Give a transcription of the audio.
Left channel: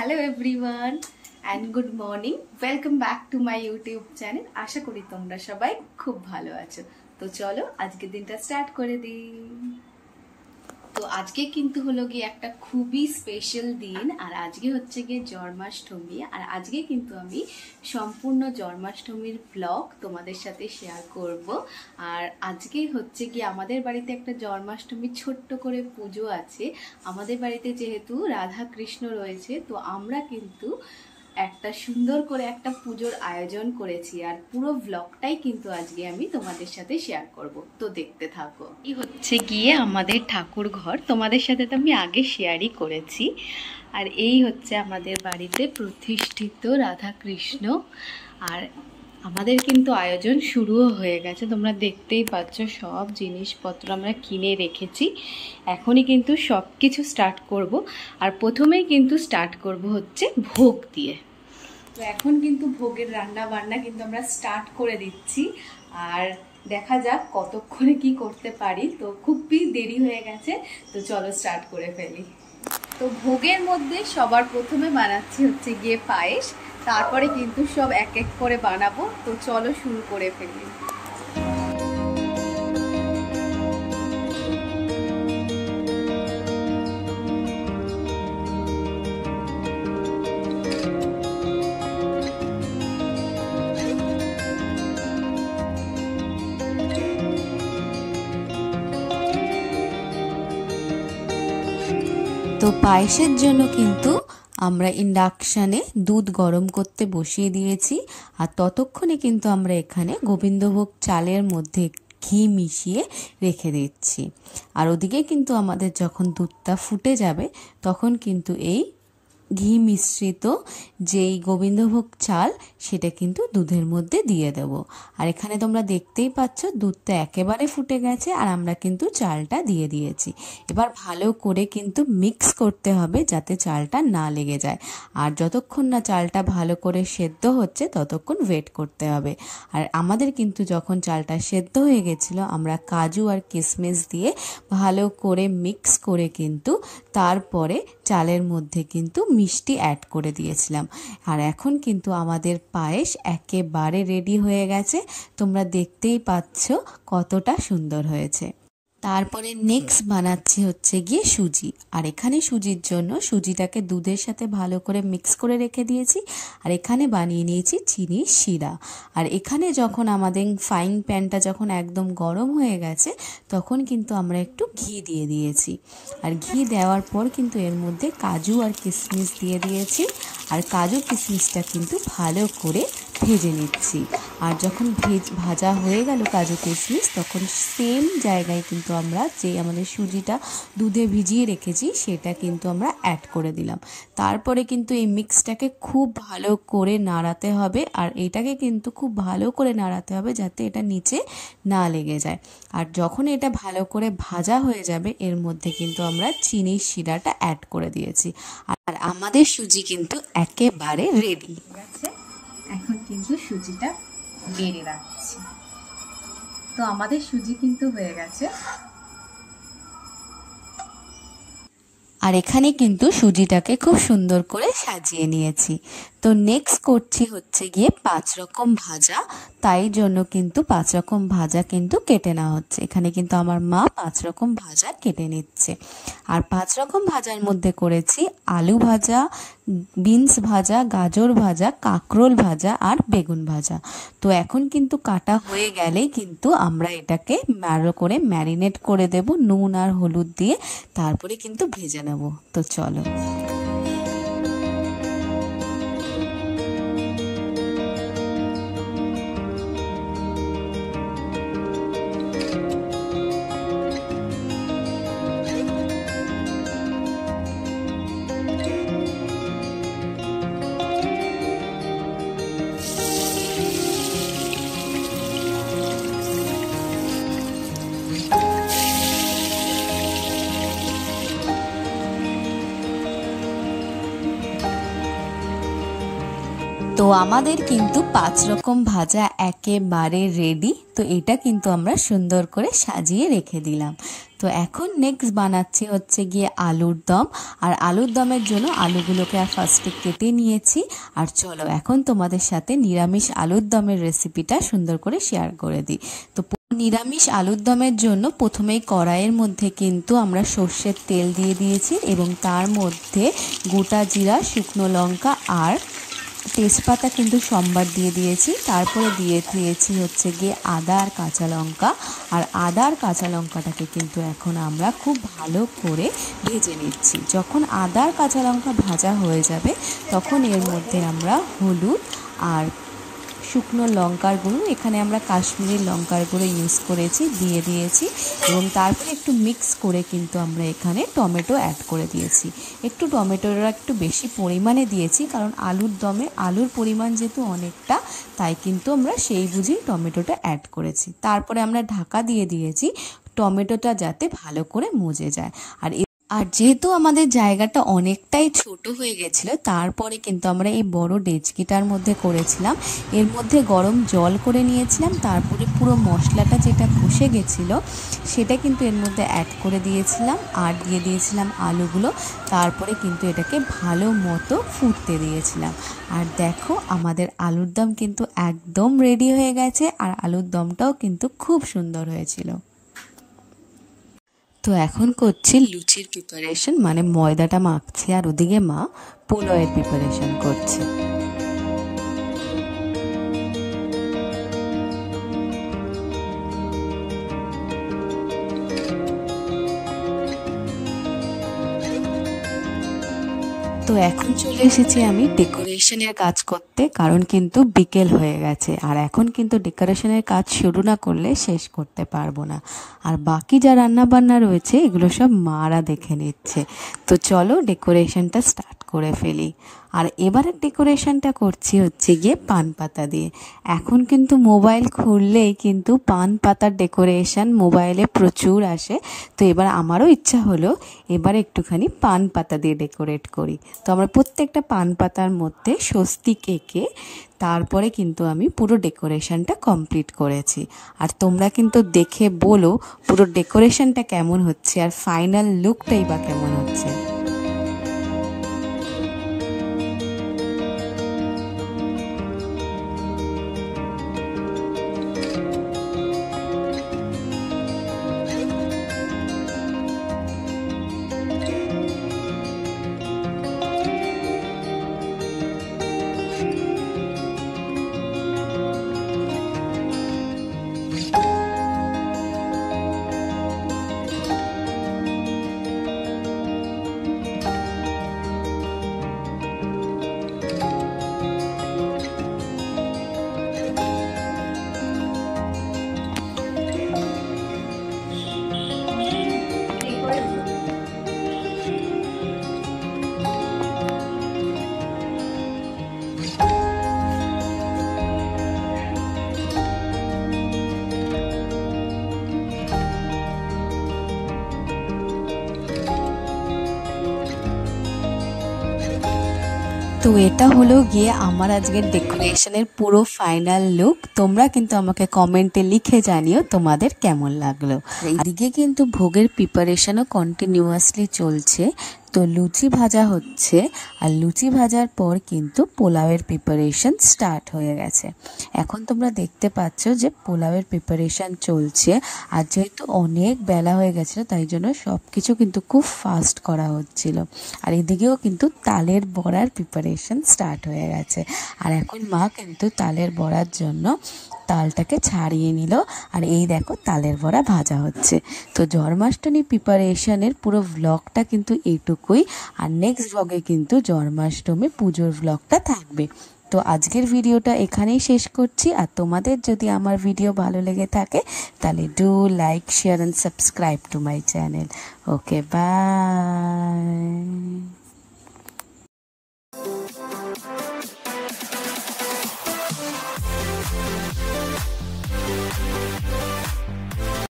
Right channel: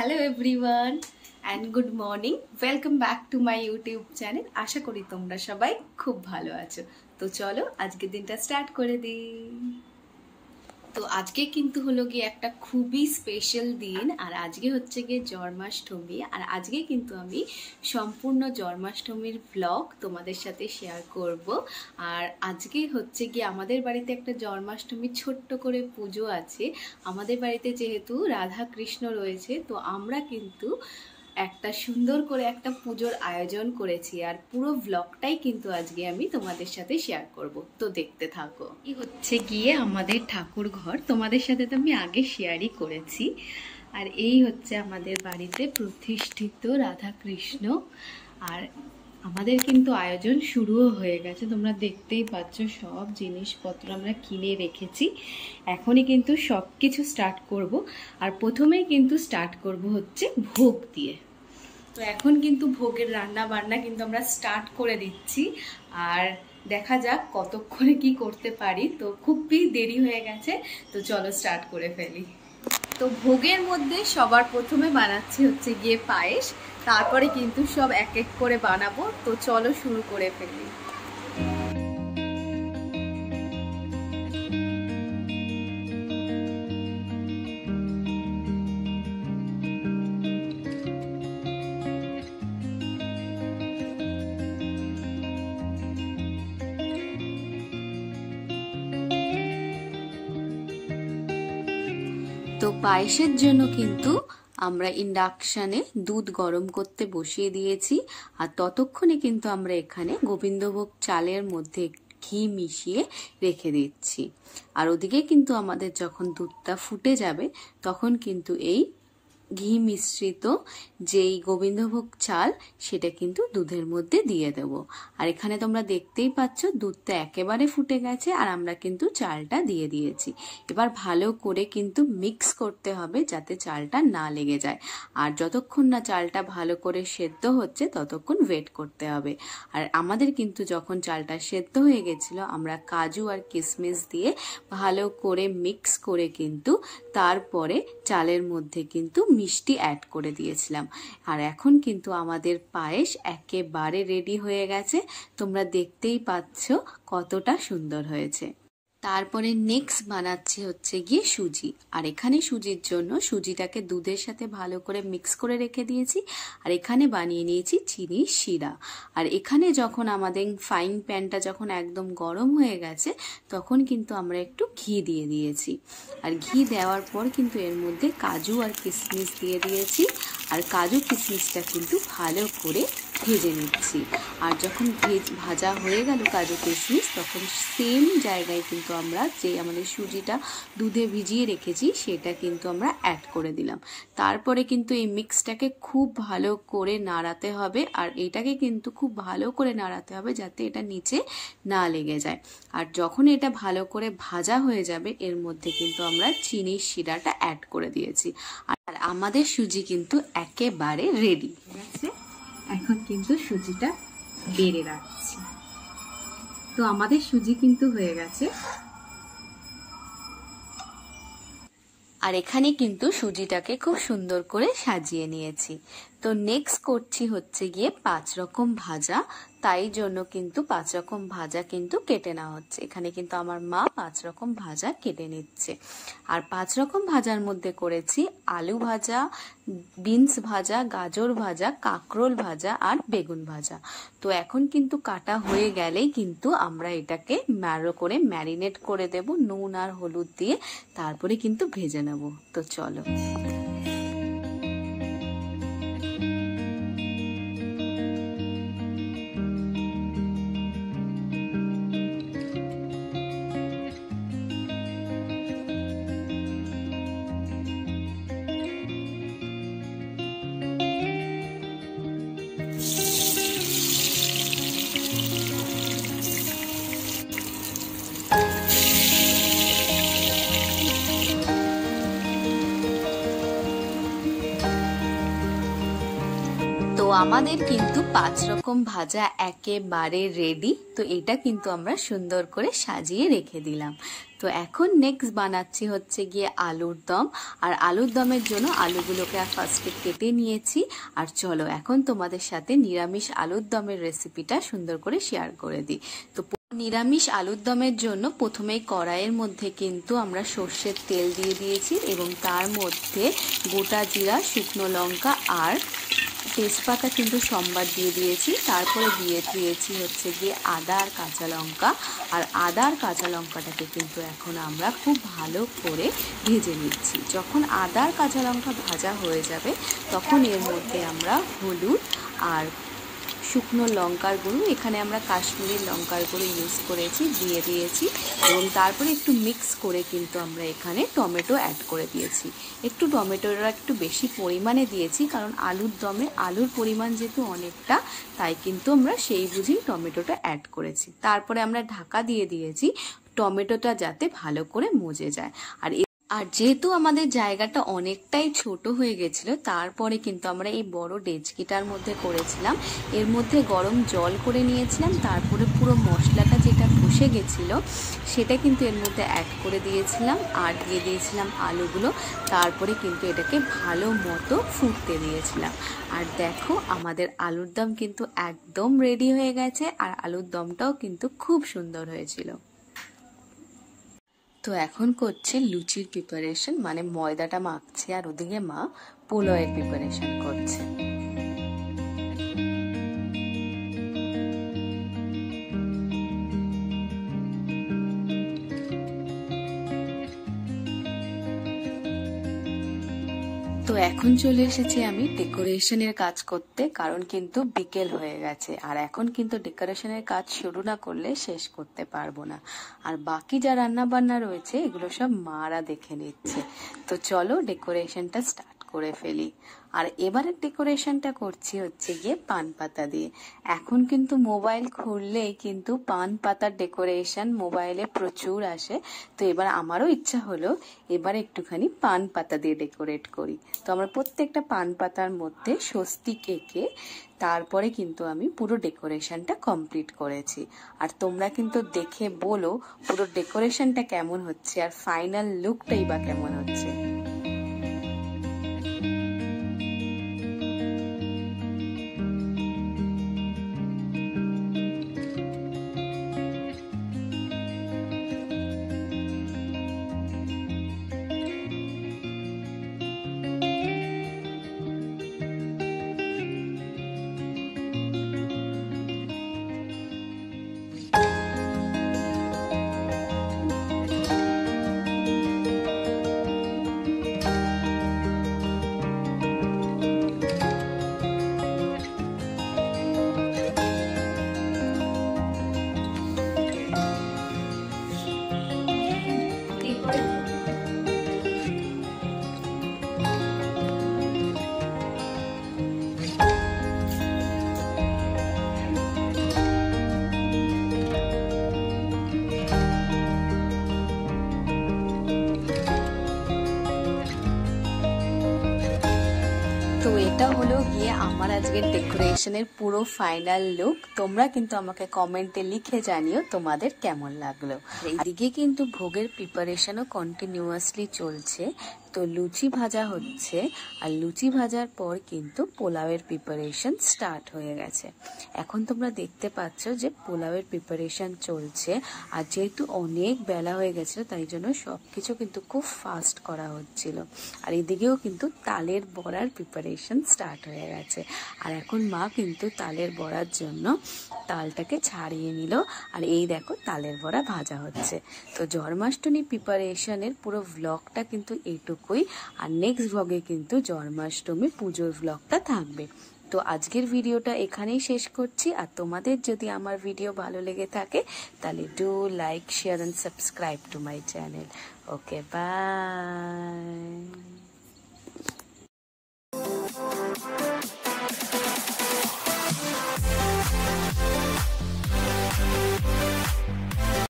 Hello everyone and good morning, welcome back to my YouTube channel. আশা করি তোমরা সবাই খুব ভালো আছো। তো চলো আজকের দিনটা স্টার্ট করে দিই। তো আজকে কিন্তু হলো গিয়ে একটা খুবই স্পেশাল দিন, আর আজকে হচ্ছে গিয়ে জন্মাষ্টমী। আর আজকে কিন্তু আমি সম্পূর্ণ জন্মাষ্টমীর ব্লগ তোমাদের সাথে শেয়ার করব। আর আজকে হচ্ছে গিয়ে আমাদের বাড়িতে একটা জন্মাষ্টমীর ছোট্ট করে পুজো আছে। আমাদের বাড়িতে যেহেতু রাধা কৃষ্ণ রয়েছে, তো আমরা কিন্তু একটা সুন্দর করে একটা পুজোর আয়োজন করেছি, আর পুরো ব্লগটাই কিন্তু আজকে আমি তোমাদের সাথে শেয়ার করব। তো দেখতে থাকো। এই হচ্ছে গিয়ে আমাদের ঠাকুর ঘর, তোমাদের সাথে তো আমি আগে শেয়ারই করেছি। আর এই হচ্ছে আমাদের বাড়িতে প্রতিষ্ঠিত রাধা কৃষ্ণ। আর আমাদের কিন্তু আয়োজন শুরুও হয়ে গেছে, তোমরা দেখতেই পাচ্ছ সব জিনিসপত্র আমরা কিনে রেখেছি। এখনই কিন্তু সব কিছু স্টার্ট করব। আর প্রথমেই কিন্তু স্টার্ট করব হচ্ছে ভোগ দিয়ে। তো এখন কিন্তু ভোগের রান্না বান্না কিন্তু আমরা স্টার্ট করে দিচ্ছি, আর দেখা যাক কতক্ষণে কি করতে পারি। তো খুবই দেরি হয়ে গেছে, তো চলো স্টার্ট করে ফেলি। তো ভোগের মধ্যে সবার প্রথমে বানাচ্ছি হচ্ছে গিয়ে পায়েস, তারপরে কিন্তু সব এক এক করে বানাবো। তো চলো শুরু করে ফেলি। তো পায়েসের জন্য কিন্তু আমরা ইন্ডাকশানে দুধ গরম করতে বসিয়ে দিয়েছি, আর ততক্ষণে কিন্তু আমরা এখানে গোবিন্দভোগ চালের মধ্যে ঘি মিশিয়ে রেখে দিচ্ছি। আর ওদিকে কিন্তু আমাদের যখন দুধটা ফুটে যাবে তখন কিন্তু এই ঘি মিশ্রিত যেই গোবিন্দভোগ চাল সেটা কিন্তু দুধের মধ্যে দিয়ে দেব। আর এখানে তোমরা দেখতেই পাচ্ছ দুধটা একেবারে ফুটে গেছে, আর আমরা কিন্তু চালটা দিয়ে দিয়েছি। এবার ভালো করে কিন্তু মিক্স করতে হবে যাতে চালটা না লেগে যায়। আর যতক্ষণ না চালটা ভালো করে সেদ্ধ হচ্ছে ততক্ষণ ওয়েট করতে হবে। আর আমাদের কিন্তু যখন চালটা সেদ্ধ হয়ে গেছিলো, আমরা কাজু আর কিশমিশ দিয়ে ভালো করে মিক্স করে কিন্তু তারপরে চালের মধ্যে কিন্তু মিষ্টি অ্যাড করে দিয়েছিলাম। আর এখন কিন্তু আমাদের পায়েস একেবারে রেডি হয়ে গেছে, তোমরা দেখতেই পাচ্ছ কতটা সুন্দর হয়েছে। তারপরে নেক্সট বানাচ্ছি হচ্ছে গিয়ে সুজি। আর এখানে সুজির জন্য সুজিটাকে দুধের সাথে ভালো করে মিক্স করে রেখে দিয়েছি, আর এখানে বানিয়ে নিয়েছি চিনির শিরা। আর এখানে যখন আমাদের ফ্রাইং প্যানটা যখন একদম গরম হয়ে গেছে তখন কিন্তু আমরা একটু ঘি দিয়ে দিয়েছি। আর ঘি দেওয়ার পর কিন্তু এর মধ্যে কাজু আর কিশমিশ দিয়ে দিয়েছি, আর কাজু কিশমিশটা কিন্তু ভালো করে ভেজে নিচ্ছি। আর যখন ভাজা হয়ে গেল কাজু কিশমিশ, তখন সেম জায়গায় কিন্তু আমরা যে আমাদের সুজিটা দুধে ভিজিয়ে রেখেছি সেটা কিন্তু আমরা অ্যাড করে দিলাম। তারপরে কিন্তু এই মিক্সটাকে খুব ভালো করে নাড়াতে হবে, আর এটাকে কিন্তু খুব ভালো করে নাড়াতে হবে যাতে এটা নিচে না লেগে যায়। আর যখন এটা ভালো করে ভাজা হয়ে যাবে এর মধ্যে কিন্তু আমরা চিনির শিরাটা অ্যাড করে দিয়েছি। আর আমাদের সুজি কিন্তু একেবারে রেডি আছে। এখন কিন্তু সুজিটা বেড়ে রাখছি। তো আমাদের সুজি কিন্তু হয়ে গেছে। আর এখানে কিন্তু সুজিটাকে খুব সুন্দর করে সাজিয়ে নিয়েছি। তো নেক্সট করছি হচ্ছে গিয়ে 5 রকম ভাজা, তাই জন্য কিন্তু 5 রকম ভাজা কিন্তু কেটে নেওয়া হচ্ছে। এখানে কিন্তু আমার মা 5 রকম ভাজা কেটে নিচ্ছে। আর 5 রকম ভাজার মধ্যে করেছি আলু ভাজা, বিনস ভাজা, গাজর ভাজা, কাঁকরোল ভাজা আর বেগুন ভাজা। তো এখন কিন্তু কাটা হয়ে গেলেই কিন্তু আমরা এটাকে ভালো করে ম্যারিনেট করে দেব নুন আর হলুদ দিয়ে, তারপরে কিন্তু ভেজে নেব। তো চলো। আমাদের কিন্তু 5 রকম ভাজা একেবারে রেডি। তো এটা কিন্তু আমরা সুন্দর করে সাজিয়ে রেখে দিলাম। তো এখন নেক্সট বানাচ্ছি হচ্ছে গিয়ে আলুর দম। আর আলুর দমের জন্য আলুগুলোকে আর ফার্স্টে কেটে নিয়েছি। আর চলো এখন তোমাদের সাথে নিরামিষ আলুর দমের রেসিপিটা সুন্দর করে শেয়ার করে দিই। তো নিরামিষ আলুর দমের জন্য প্রথমেই কড়াইয়ের মধ্যে কিন্তু আমরা সর্ষের তেল দিয়ে দিয়েছি এবং তার মধ্যে গোটা জিরা, শুকনো লঙ্কা আর তেজপাতা কিন্তু সম্বার দিয়ে দিয়েছি। তারপরে দিয়ে দিয়েছি হচ্ছে গিয়ে আদা আর কাঁচা লঙ্কা। আর আদা আর কাঁচা লঙ্কাটাকে কিন্তু এখন আমরা খুব ভালো করে ভেজে নিচ্ছি। যখন আদা আর কাঁচা লঙ্কা ভাজা হয়ে যাবে তখন এর মধ্যে আমরা হলুদ আর শুকনো লঙ্কার গুঁড়ো, এখানে আমরা কাশ্মীরি লঙ্কার গুঁড়ো ইউজ করেছি, দিয়ে দিয়েছি এবং তারপরে একটু মিক্স করে কিন্তু আমরা এখানে টমেটো অ্যাড করে দিয়েছি। একটু টমেটোটা একটু বেশি পরিমাণে দিয়েছি কারণ আলুর দমে আলুর পরিমাণ যেহেতু অনেকটা, তাই কিন্তু আমরা সেই বুঝে টমেটোটা অ্যাড করেছি। তারপরে আমরা ঢাকা দিয়ে দিয়েছি টমেটোটা যাতে ভালো করে মজে যায়। আর যেহেতু আমাদের জায়গাটা অনেকটাই ছোট হয়ে গেছিলো, তারপরে কিন্তু আমরা এই বড় ডেচকিটার মধ্যে করেছিলাম। এর মধ্যে গরম জল করে নিয়েছিলাম, তারপরে পুরো মশলাটা যেটা কষে গেছিলো সেটা কিন্তু এর মধ্যে অ্যাড করে দিয়েছিলাম আর দিয়ে দিয়েছিলাম আলুগুলো। তারপরে কিন্তু এটাকে ভালো মতো ফুটতে দিয়েছিলাম। আর দেখো আমাদের আলুর দম কিন্তু একদম রেডি হয়ে গেছে। আর আলুর দমটাও কিন্তু খুব সুন্দর হয়েছিল। তো এখন করছি লুচির প্রিপারেশন, মানে ময়দাটা মাখছি আর ওদিকে মা পোলাওয়ের প্রিপারেশন করছে। তো এখন চলে এসেছি আমি ডেকোরেশনের কাজ করতে, কারণ কিন্তু বিকেল হয়ে গেছে আর এখন কিন্তু ডেকোরেশনের কাজ শুরু না করলে শেষ করতে পারবো না। আর বাকি যা রান্না বান্না রয়েছে এগুলো সব মারা দেখে নিচ্ছে। তো চলো ডেকোরেশনটা স্টার্ট করে ফেলি। আর এবারের ডেকোরেশনটা করছি হচ্ছে গিয়ে পান পাতা দিয়ে। এখন কিন্তু মোবাইল খুললেই কিন্তু পান পাতার ডেকোরেশন মোবাইলে প্রচুর আসে। তো এবার আমারও ইচ্ছা হলো এবার একটুখানি পান পাতা দিয়ে ডেকোরেট করি। তো আমরা প্রত্যেকটা পান পাতার মধ্যে স্বস্তিক এঁকে তারপরে কিন্তু আমি পুরো ডেকোরেশনটা কমপ্লিট করেছি। আর তোমরা কিন্তু দেখে বলো পুরো ডেকোরেশনটা কেমন হচ্ছে আর ফাইনাল লুকটাই বা কেমন হচ্ছে। তো এটা হলো গিয়ে আমার আজকের ডেকোরেশনের পুরো ফাইনাল লুক। তোমরা কিন্তু আমাকে কমেন্টে লিখে জানিও তোমাদের কেমন লাগলো। এদিকে কিন্তু ভোগের প্রিপারেশনও কন্টিনিউয়াসলি চলছে। তো লুচি ভাজা হচ্ছে আর লুচি ভাজার পর কিন্তু পোলাওয়ের প্রিপারেশন স্টার্ট হয়ে গেছে। এখন তোমরা দেখতে পাচ্ছ যে পোলাওয়ের প্রিপারেশন চলছে। আর যেহেতু অনেক বেলা হয়ে গেছিলো তাই জন্য সব কিছু কিন্তু খুব ফাস্ট করা হচ্ছিল। আর এদিকেও কিন্তু তালের বড়ার প্রিপারেশন স্টার্ট হয়ে গেছে। আর এখন মা কিন্তু তালের বড়ার জন্য তালটাকে ছাড়িয়ে নিল। আর এই দেখো তালের বড়া ভাজা হচ্ছে। তো জন্মাষ্টমী প্রিপারেশনের পুরো ভ্লগটা কিন্তু এইটুকুই। আর নেক্সট ভ্লগে কিন্তু জন্মাষ্টমী পুজোর ভ্লগটা থাকবে। তো আজকের ভিডিওটা এখানেই শেষ করছি। আর তোমাদের যদি আমার ভিডিও ভালো লেগে থাকে তাহলে do like, share and subscribe to my channel. Okay, by.